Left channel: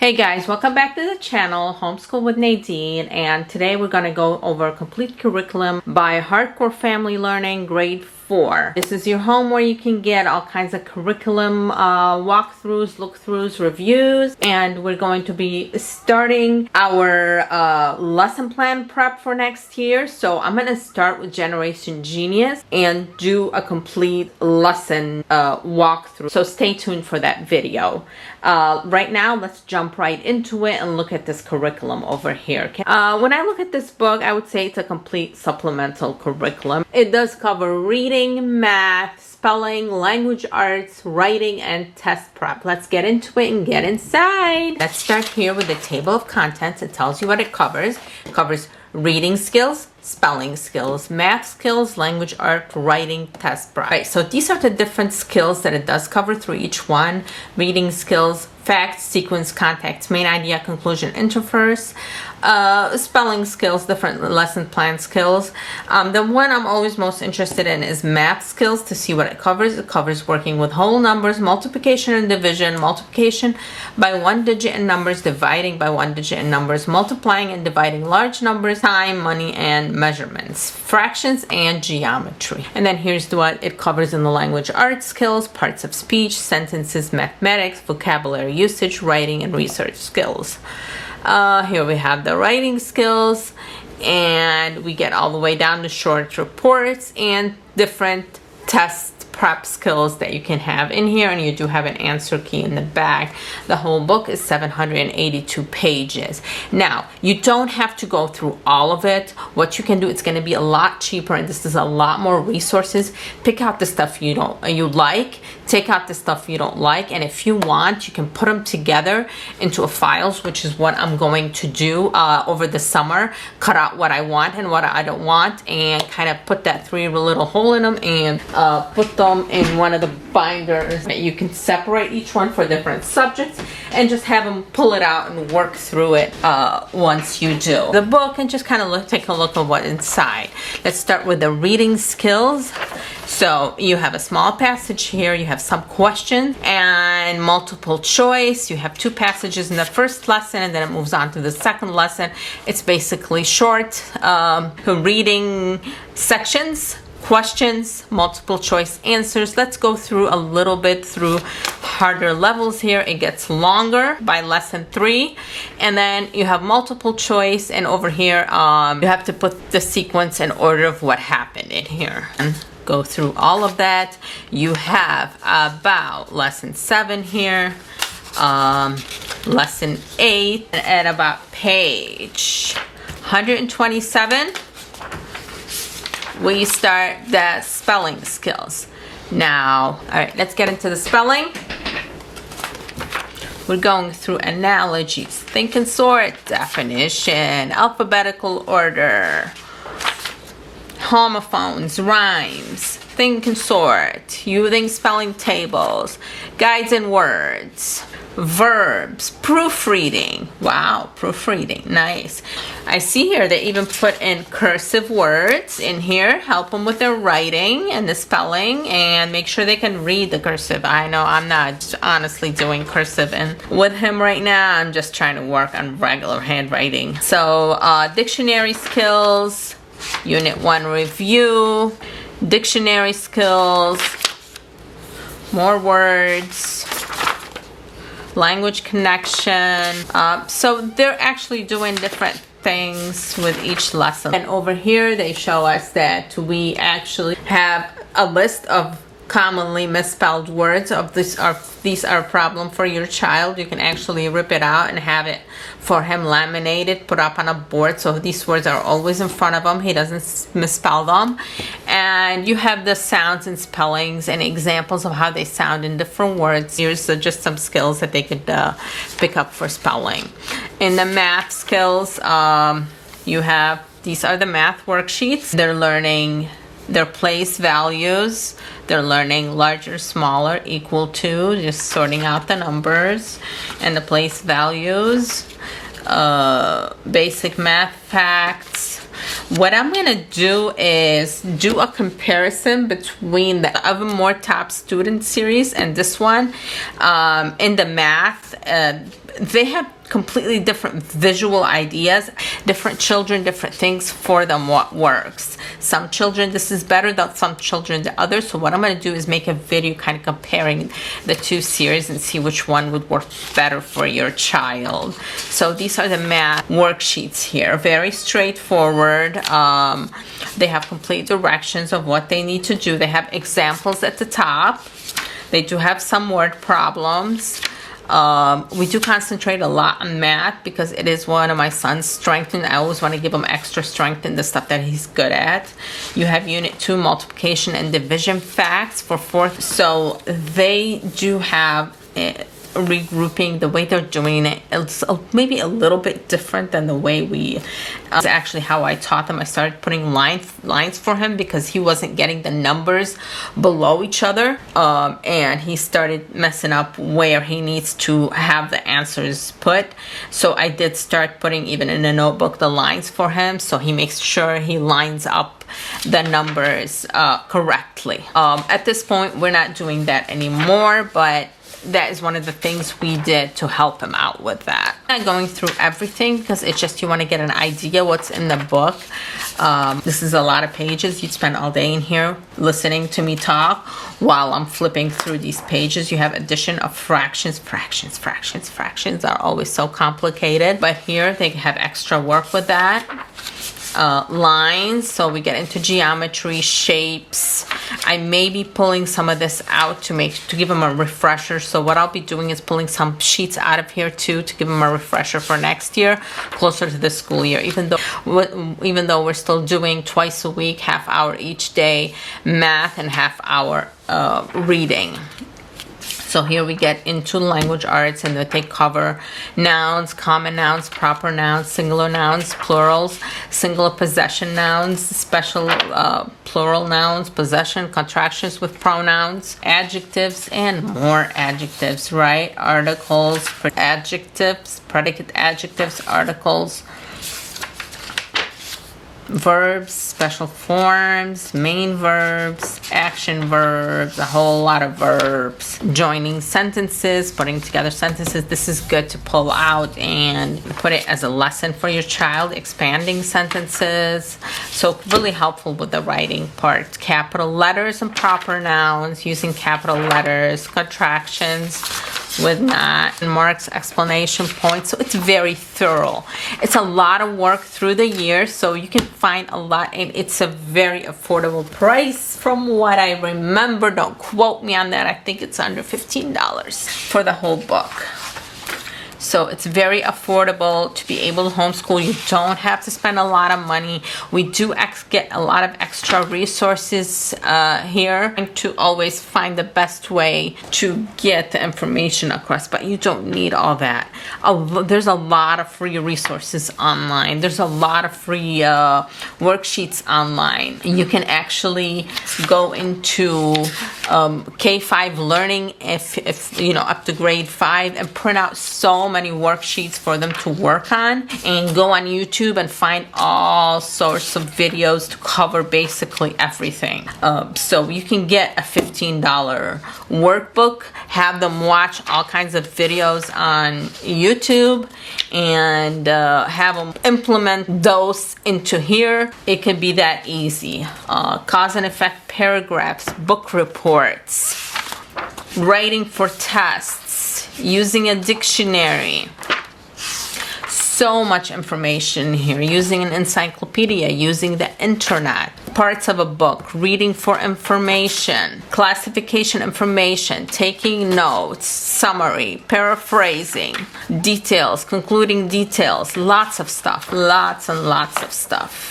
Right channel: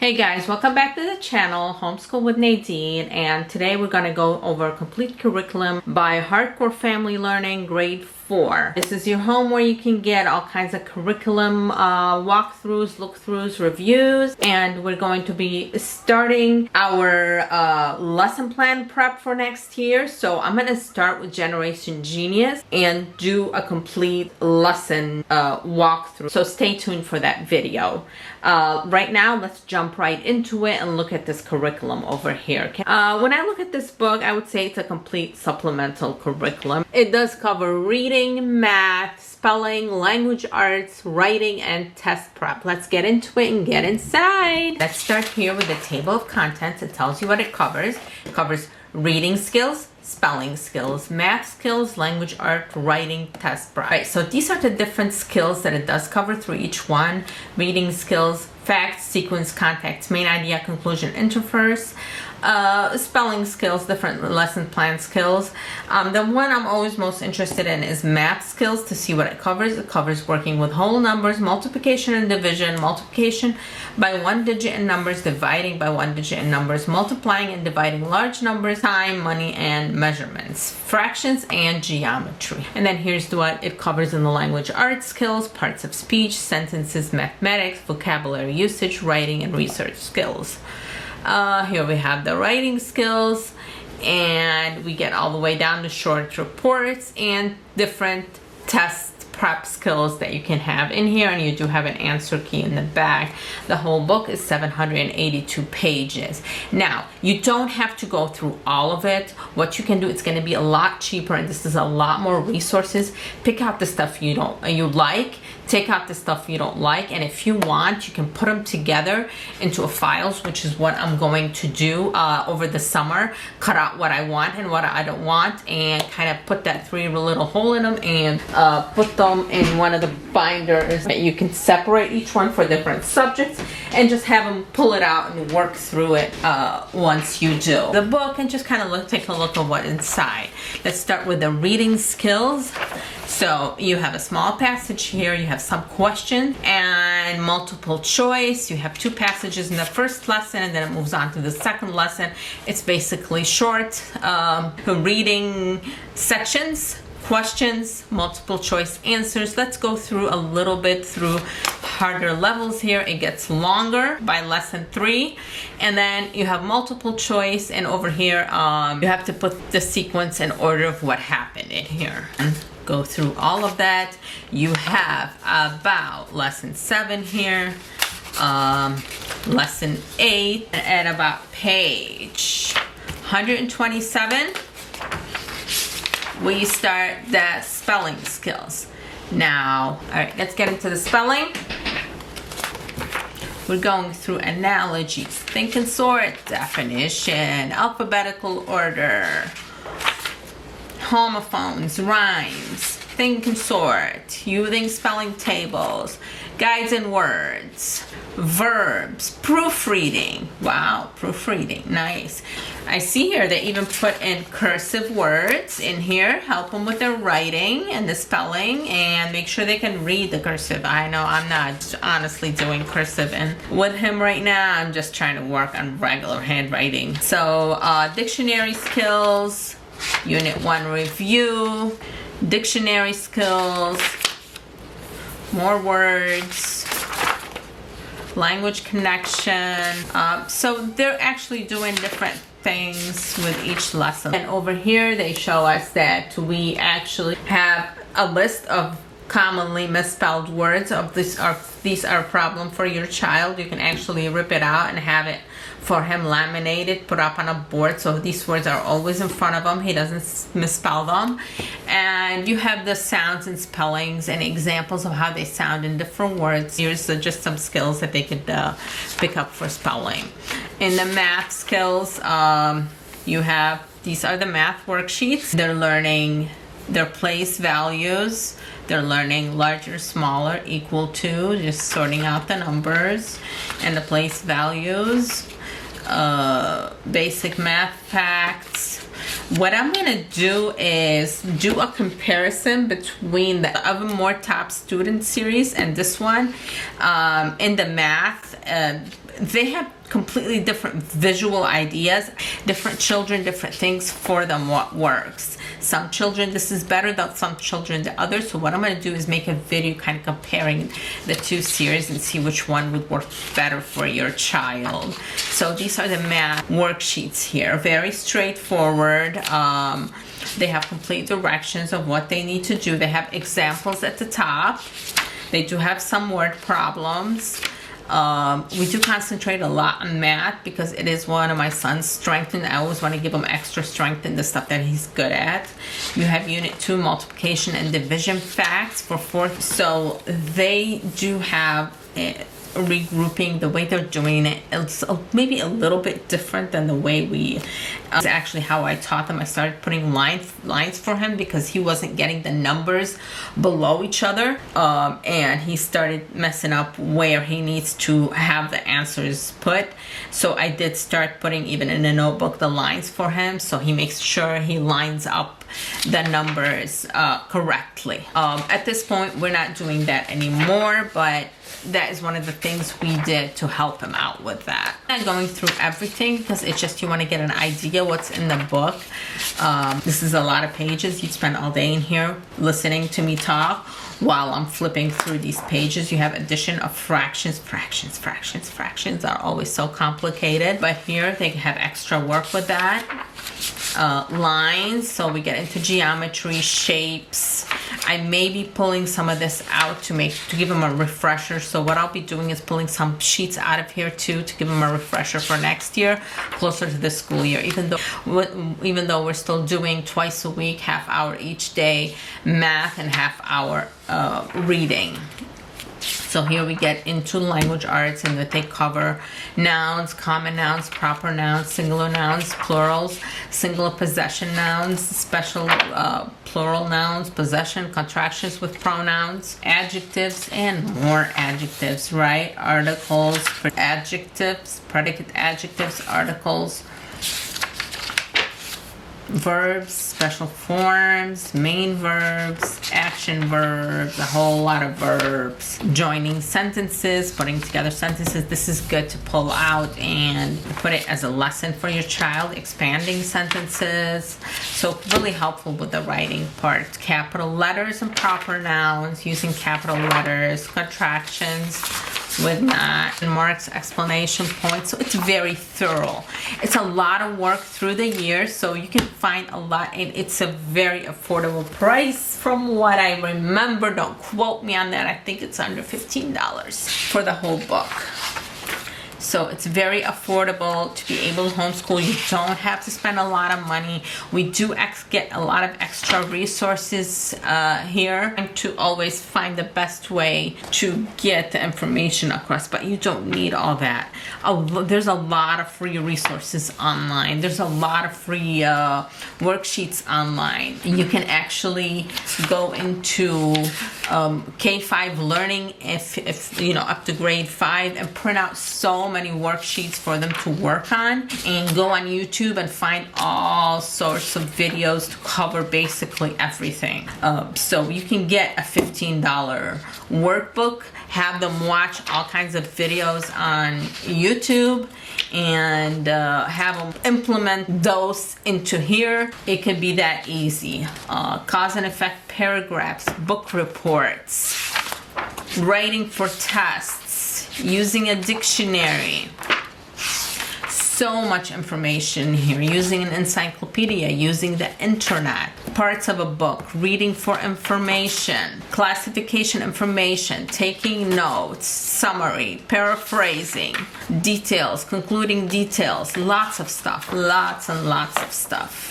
Hey guys, welcome back to the channel, Homeschool with Nadine, and today we're going to go over a complete curriculum by Harcourt Family Learning, grade 4. This is your home where you can get all kinds of curriculum walkthroughs, look-throughs, reviews, and we're going to be starting our lesson plan prep for next year. So I'm going to start with Generation Genius and do a complete lesson walkthrough. So stay tuned for that video. Right now, let's jump right into it and look at this curriculum over here. When I look at this book, I would say it's a complete supplemental curriculum. It does cover reading, math, spelling, language arts, writing, and test prep. Let's get into it and get inside. Let's start here with the table of contents. It tells you what it covers. It covers reading skills, spelling skills, math skills, language art, writing, test prep. Right, so these are the different skills that it does cover through each one. Reading skills, facts, sequence, context, main idea, conclusion, interverse. Spelling skills, different lesson plan skills. The one I'm always most interested in is math skills, to see what it covers. It covers working with whole numbers, multiplication and division, multiplication by one digit in numbers, dividing by one digit in numbers, multiplying and dividing large numbers, time, money, and measurements, fractions, and geometry. And then here's what it covers in the language arts skills, parts of speech, sentences, mathematics, vocabulary usage, writing, and research skills. Here we have the writing skills, and we get all the way down to short reports and different test prep skills that you can have in here, and you do have an answer key in the back. The whole book is 782 pages. Now, you don't have to go through all of it. What you can do, it's going to be a lot cheaper, and this is a lot more resources. Pick out the stuff you like. Take out the stuff you don't like, and if you want, you can put them together into files, which is what I'm going to do over the summer. Cut out what I want and what I don't want, and kind of put that 3 little hole in them, and put them in one of the binders that you can separate each one for different subjects, and just have them pull it out and work through it once you do the book, and just kind of take a look at what's inside. Let's start with the reading skills. So you have a small passage here, you have some questions and multiple choice. You have 2 passages in the first lesson, and then it moves on to the second lesson. It's basically short reading sections, questions, multiple choice answers. Let's go through a little bit through harder levels here. It gets longer by lesson 3, and then you have multiple choice, and over here you have to put the sequence and order of what happened in here. And go through all of that. You have about lesson 7 here, lesson 8, at about page 127 we start the spelling skills. Now, all right, let's get into the spelling. We're going through analogies, think and sort, definition, alphabetical order, homophones, rhymes, think and sort, using spelling tables, guides and words, verbs, proofreading. Wow, proofreading, nice. I see here they even put in cursive words in here, help them with their writing and the spelling, and make sure they can read the cursive. I know I'm not honestly doing cursive, and with him right now I'm just trying to work on regular handwriting. So dictionary skills, Unit 1 review, dictionary skills, more words, language connection. So they're actually doing different things with each lesson. And over here they show us that we actually have a list of commonly misspelled words. These are a problem for your child. You can actually rip it out and have it for him laminated, put up on a board, so these words are always in front of him. He doesn't misspell them. And you have the sounds and spellings and examples of how they sound in different words. Here's just some skills that they could pick up for spelling. In the math skills, you have, these are the math worksheets. They're learning their place values. They're learning larger, smaller, equal to, just sorting out the numbers and the place values. Basic math facts, What I'm gonna do is do a comparison between the Of More Top Student series and this one. In the math, they have completely different visual ideas. Different children, different things for them, what works. Some children this is better than some children the other. So what I'm going to do is make a video kind of comparing the two series and see which one would work better for your child. So these are the math worksheets here. Very straightforward. They have complete directions of what they need to do. They have examples at the top. They do have some word problems. We do concentrate a lot on math because it is one of my son's strengths, and I always want to give him extra strength in the stuff that he's good at. You have Unit 2 multiplication and division facts for 4th. So they do have regrouping. The way they're doing it, it's maybe a little bit different than the way we it's actually how I taught them. I started putting lines for him because he wasn't getting the numbers below each other, and he started messing up where he needs to have the answers put. So I did start putting, even in a notebook, the lines for him, so he makes sure he lines up the numbers correctly. At this point, we're not doing that anymore, but that is one of the things we did to help him out with that. I'm not going through everything because it's just you want to get an idea what's in the book. This is a lot of pages. You'd spend all day in here listening to me talk while I'm flipping through these pages. You have addition of fractions. Fractions are always so complicated, but here they have extra work with that. Lines, so we get into geometry, shapes. I may be pulling some of this out to give them a refresher. So what I'll be doing is pulling some sheets out of here too to give them a refresher for next year, closer to the school year. Even though we're still doing twice a week, half hour each day math and half hour reading. So here we get into language arts, and they cover nouns, common nouns, proper nouns, singular nouns, plurals, singular possession nouns, special plural nouns, possession, contractions with pronouns, adjectives, and more adjectives, right? Articles, adjectives, predicate adjectives, articles, verbs, special forms, main verbs, action verbs, a whole lot of verbs, joining sentences, putting together sentences. This is good to pull out and put it as a lesson for your child, expanding sentences. So really helpful with the writing part. Capital letters and proper nouns, using capital letters, contractions with not, marks, explanation points. So it's very thorough. It's a lot of work through the year, so you can find a lot, and it's a very affordable price from what I remember. Don't quote me on that. I think it's under $15 for the whole book. So it's very affordable to be able to homeschool. You don't have to spend a lot of money. We do get a lot of extra resources here, and to always find the best way to get the information across, but you don't need all that. There's a lot of free resources online. There's a lot of free worksheets online. You can actually go into K5 learning if you know, up to grade 5, and print out so many worksheets for them to work on, and go on YouTube and find all sorts of videos to cover basically everything. So you can get a $15 workbook, have them watch all kinds of videos on YouTube, and have them implement those into here. It can be that easy. Cause and effect paragraphs, book reports, writing for tests, using a dictionary. So much information here, using an encyclopedia, using the internet, parts of a book, reading for information, classification information, taking notes, summary, paraphrasing, details, concluding details, lots of stuff, lots and lots of stuff.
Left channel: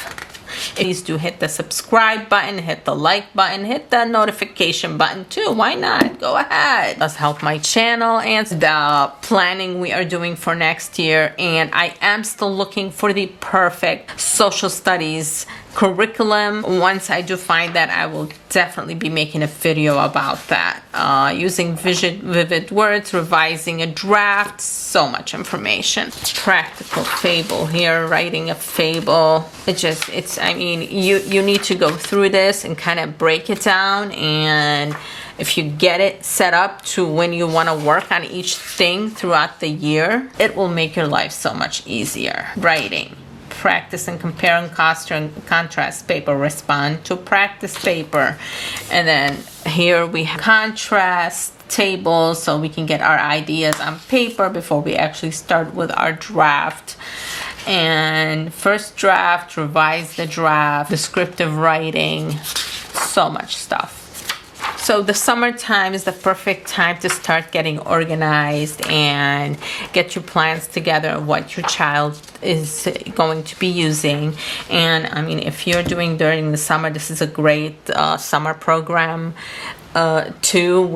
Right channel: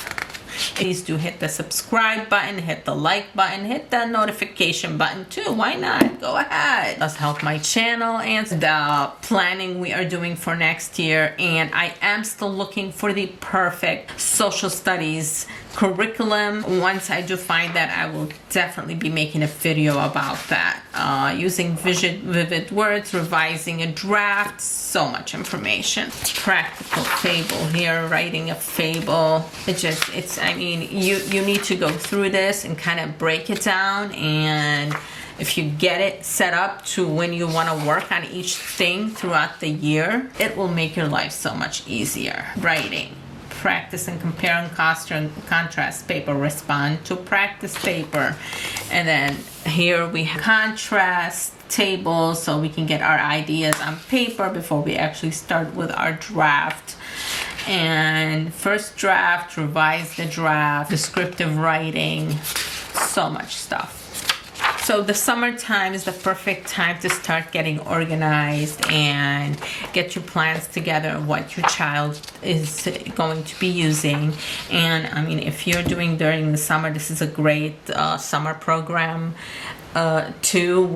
Please do hit the subscribe button, hit the like button, hit that notification button too. Why not? Go ahead. Let's help my channel and the planning we are doing for next year. And I am still looking for the perfect social studies curriculum. Once I do find that, I will definitely be making a video about that. Using vivid words, revising a draft, so much information. Practical fable here, writing a fable. I mean, you need to go through this and kind of break it down, and if you get it set up to when you want to work on each thing throughout the year, it will make your life so much easier. Writing. Practice and compare and contrast paper. Respond to practice paper. And then here we have contrast tables, so we can get our ideas on paper before we actually start with our draft. And first draft, revise the draft, descriptive writing, so much stuff. So the summertime is the perfect time to start getting organized and get your plans together of what your child is going to be using. And I mean, if you're doing during the summer, this is a great summer program too.